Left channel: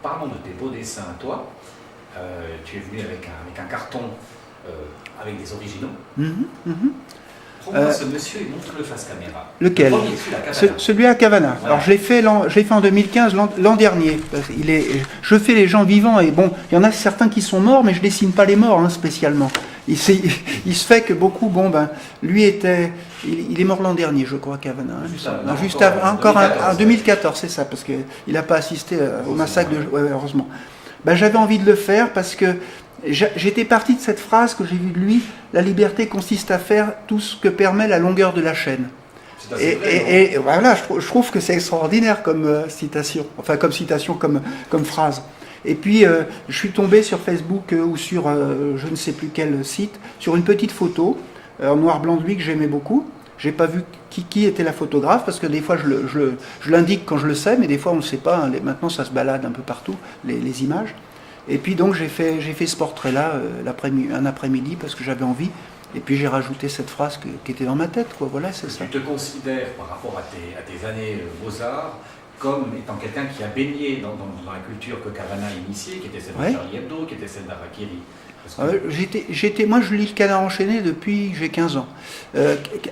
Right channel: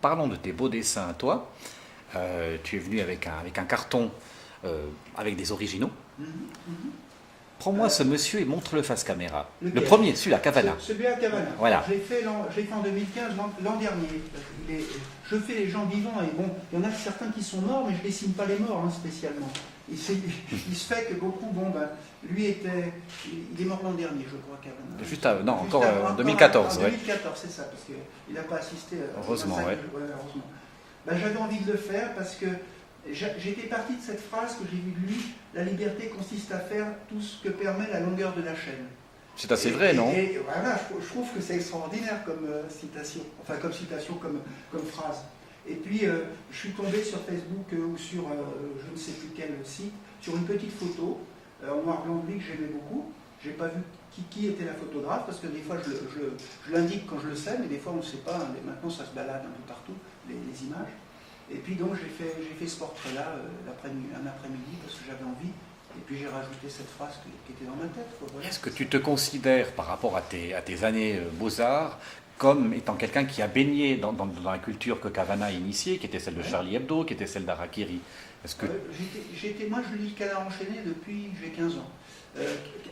Parlons de tes beaux dessins à toi. Tu es venu avec un carton avec des originaux. Prends-moi ce monsieur et montre-le face caméra. Lequel? Le premier, celui à Cavana. Celui à Cavana. Voilà. Alors je l'ai fait en 2015, l'an dernier. Je fais les gens vivants et bon, il y en a certains qui sont morts, mais je dessine pas les morts hein, spécialement. Il se fait que beaucoup, lui il est mort l'an dernier, je crois, Cavana. Juste encore 2014, en 2014, c'est ça, parce qu'il n'a pas assisté au massacre. Heureusement. J'avais envie de le faire parce que j'étais parti de cette phrase que j'ai vue de lui: la liberté consiste à faire tout ce que permet la longueur de la chaîne. C'est assez vrai, non ? Et voilà, je trouve que c'est extraordinaire comme citation, comme phrase. Et puis, je suis tombé sur Facebook ou sur je ne sais plus quel site, sur une petite photo en noir blanc de lui que j'aimais beaucoup. J'ai pas vu qui était la photographe, parce que des fois je l'indique quand je le sais, mais des fois on ne sait pas. Hein, maintenant ça se balade un peu partout, les images. Et puis donc j'ai fait ce portrait-là un après-midi parce que j'avais envie. Et puis j'ai rajouté cette phrase qui était dans ma tête. Quoi. Voilà, c'est ça. Tu te considères, par rapport à tes années Beaux-Arts, comme étant quelqu'un qui a baigné dans la culture que Cavana a initiée, qui était celle de Charlie Hebdo, qui était celle d'Harakiri. Moi, je lis le Canard enchaîné depuis que j'ai 15 ans.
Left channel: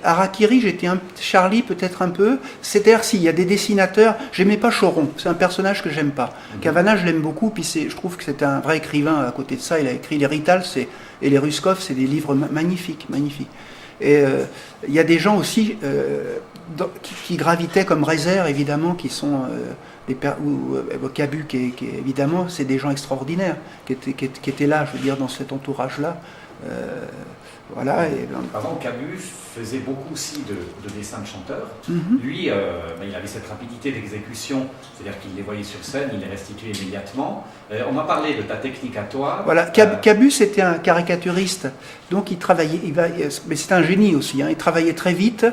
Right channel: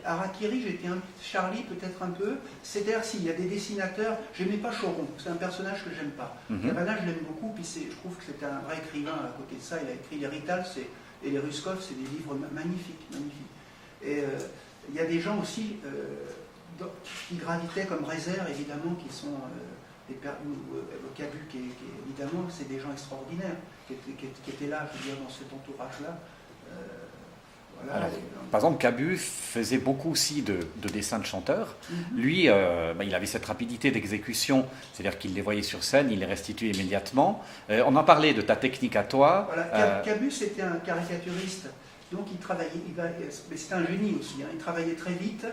Harakiri, j'étais Charlie peut-être un peu. C'est-à-dire, s'il y a des dessinateurs, j'aimais pas Choron, c'est un personnage que j'aime pas. Cavana, je l'aime beaucoup, puis je trouve que c'est un vrai écrivain à côté de ça. Il a écrit les Rital et les Ruskov, c'est des livres magnifiques. Et il y a des gens aussi qui gravitaient comme Reiser, évidemment, qui sont... Cabu, qui évidemment, c'est des gens extraordinaires qui étaient là, je veux dire, dans cet entourage-là. Voilà. Par exemple, Cabu faisait beaucoup aussi de dessins de chanteurs. Lui, il avait cette rapidité d'exécution, c'est-à-dire qu'il les voyait sur scène, il les restituait immédiatement. On m'a parlé de ta technique à toi. Voilà, Cabu, c'était un caricaturiste, donc il travaillait, mais c'était un génie aussi, hein, il travaillait très vite,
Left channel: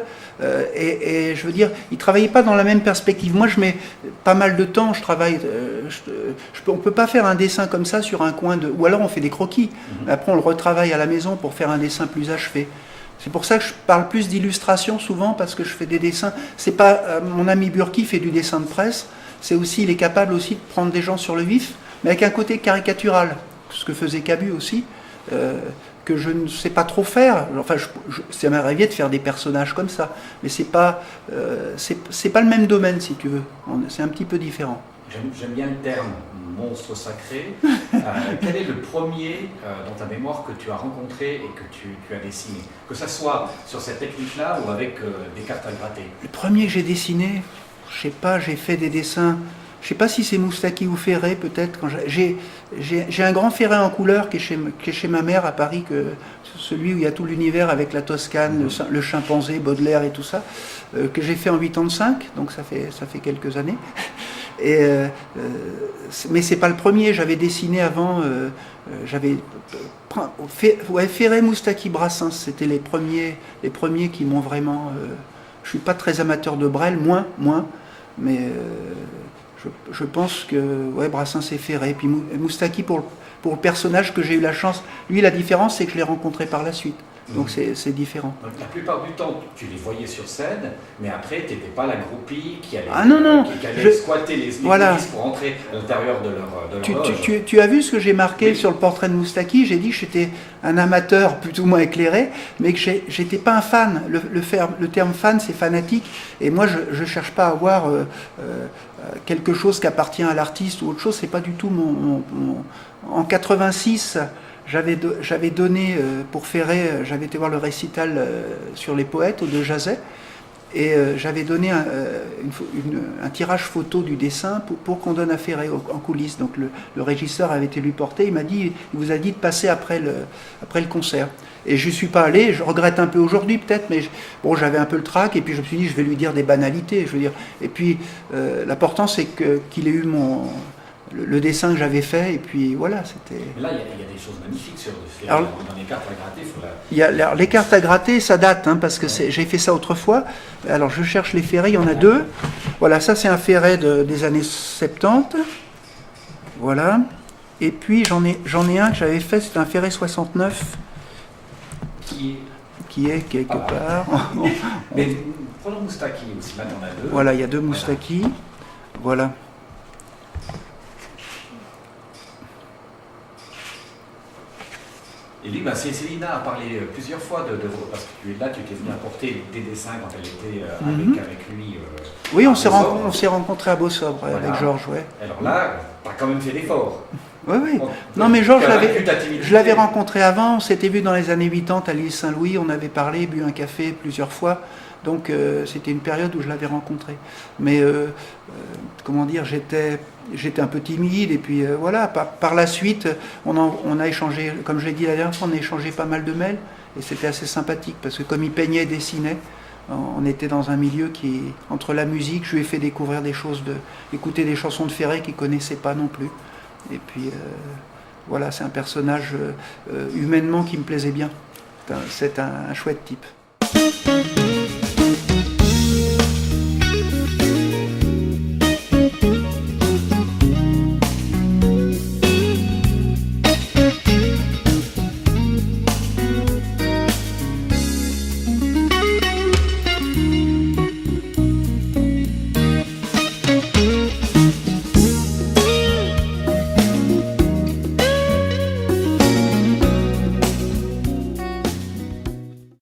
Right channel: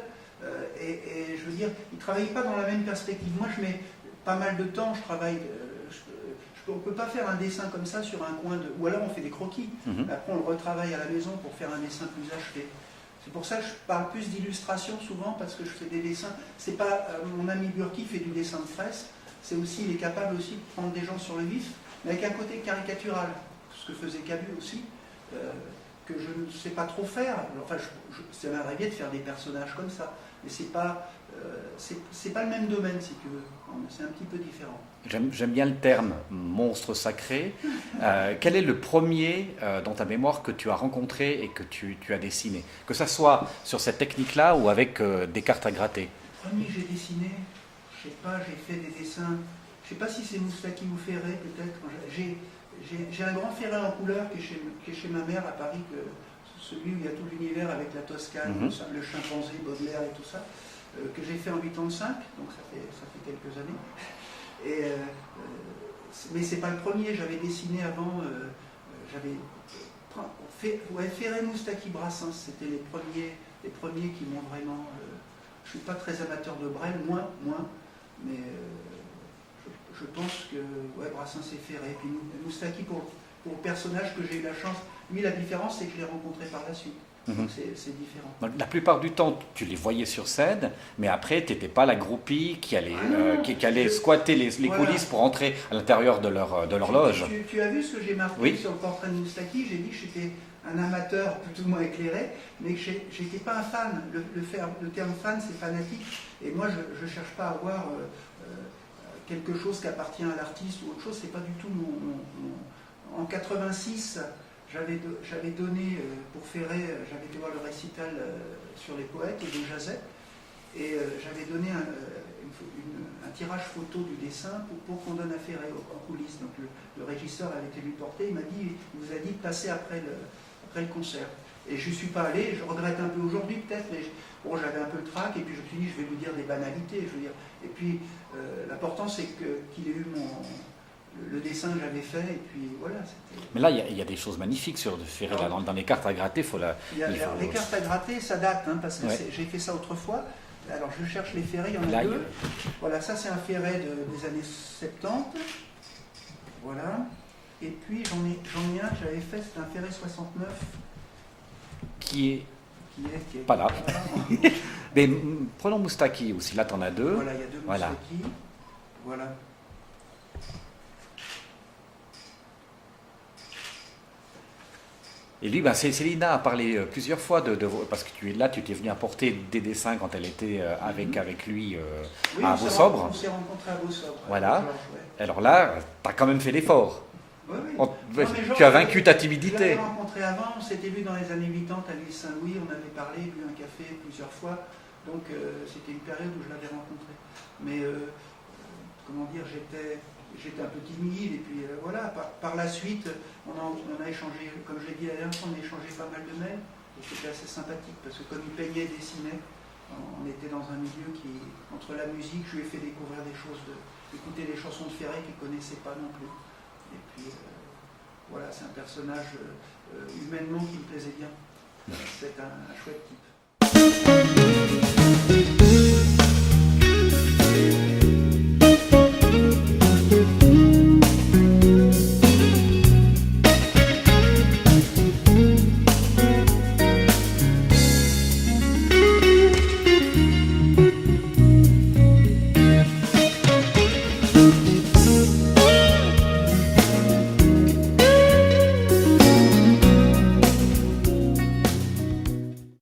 et je veux dire, il ne travaillait pas dans la même perspective. Moi, je mets pas mal de temps, je travaille, on ne peut pas faire un dessin comme ça sur un coin de... Ou alors on fait des croquis, après on le retravaille à la maison pour faire un dessin plus achevé. C'est pour ça que je parle plus d'illustration souvent, parce que je fais des dessins. C'est pas mon ami Burki fait du dessin de presse, c'est aussi, il est capable aussi de prendre des gens sur le vif, mais avec un côté caricatural, ce que faisait Cabu aussi, que je ne sais pas trop faire. Enfin, ça m'est arrivé de faire des personnages comme ça, mais c'est pas le même domaine, si tu veux. C'est un petit peu différent. J'aime bien le terme monstre sacré. Quel est le premier dans ta mémoire que tu as rencontré et que tu as dessiné? Que ce soit sur cette technique-là ou avec des cartes à gratter. Le premier que j'ai dessiné, je sais pas, j'ai fait des dessins, je sais pas si c'est Moustaki ou Ferré peut-être. J'ai un grand Ferré en couleur qui est chez ma mère à Paris, celui où il y a tout l'univers avec la Toscane, le chimpanzé, Baudelaire et tout ça, que j'ai fait en 85, donc ça fait quelques années. Mais c'est pas le premier, j'avais dessiné avant, Ferré, Moustaki, Brassens, c'était les premiers qui m'ont vraiment... je suis pas très amateur de Brel, moins, mais je pense que Brassens et Ferré, puis Moustaki pour le personnage que j'ai eu la chance. Lui, la différence, c'est que je l'ai rencontré par la suite. Donc c'est différent. Donc, la plupart du temps, tu les voyais sur scène, mais après, tu n'étais pas la groupie qui allait, qui allait squatter les coulisses pour entrer à l'intérieur de leur loge. Tu as vu ce que j'ai marqué sur le portrait de Moustaki? J'ai dit que j'étais un amateur plus ou moins éclairé, mais que j'étais pas un fan. Le terme fan, c'est fanatique. Et moi, je ne cherche pas à avoir quelque chose qui appartient à l'artiste ou autre chose. C'est pas du tout En 86... J'avais donné pour Ferré, j'avais été voir le récital sur les poètes de Jazet, et j'avais donné un tirage photo du dessin pour qu'on donne à Ferré en coulisses. Donc le régisseur avait été lui porté, il vous a dit de passer après le concert. Et je ne suis pas allé, je regrette un peu aujourd'hui peut-être, mais j'avais un peu le trac, et puis je me suis dit je vais lui dire des banalités. Et puis l'important c'est qu'il ait eu le dessin que j'avais fait, et puis voilà, c'était... Mais là, il y a des choses magnifiques sur de Ferré. Alors, dans les cartes à gratter, il faut la... Les cartes à gratter, ça date, hein, parce que j'ai fait ça autrefois. Alors je cherche les ferrets, il y en a deux. Voilà, ça c'est un ferret des années 70. Voilà. Et puis j'en ai un que j'avais fait, c'est un ferret 69. Qui est quelque pas là. part. Mais prenons Moustaki aussi, là tu en as deux. Voilà, il y a deux Moustaki. Voilà. Et lui, Célina a parlé plusieurs fois de parce que tu étais venu apporter des dessins quand elle était avec lui. Oui, on s'est rencontrés à Beausobre avec Georges, ouais. Alors là, tu as quand même fait l'effort. Oui, oui. Bon, non, mais Georges, je l'avais rencontré avant, on s'était vu dans les années 80 à l'île Saint-Louis, on avait parlé, bu un café plusieurs fois. Donc c'était une période où je l'avais rencontré. Mais comment dire, j'étais un peu timide, et puis voilà, par la suite, on a échangé, comme je l'ai dit la dernière fois, on a échangé pas mal de mails, et c'était assez sympathique, parce que comme il peignait et dessinait, on était dans un milieu qui, entre la musique, je lui ai fait découvrir des choses, écouter des chansons de Ferré qu'il ne connaissait pas non plus. Et puis voilà, c'est un personnage humainement qui me plaisait bien. C'est un chouette type.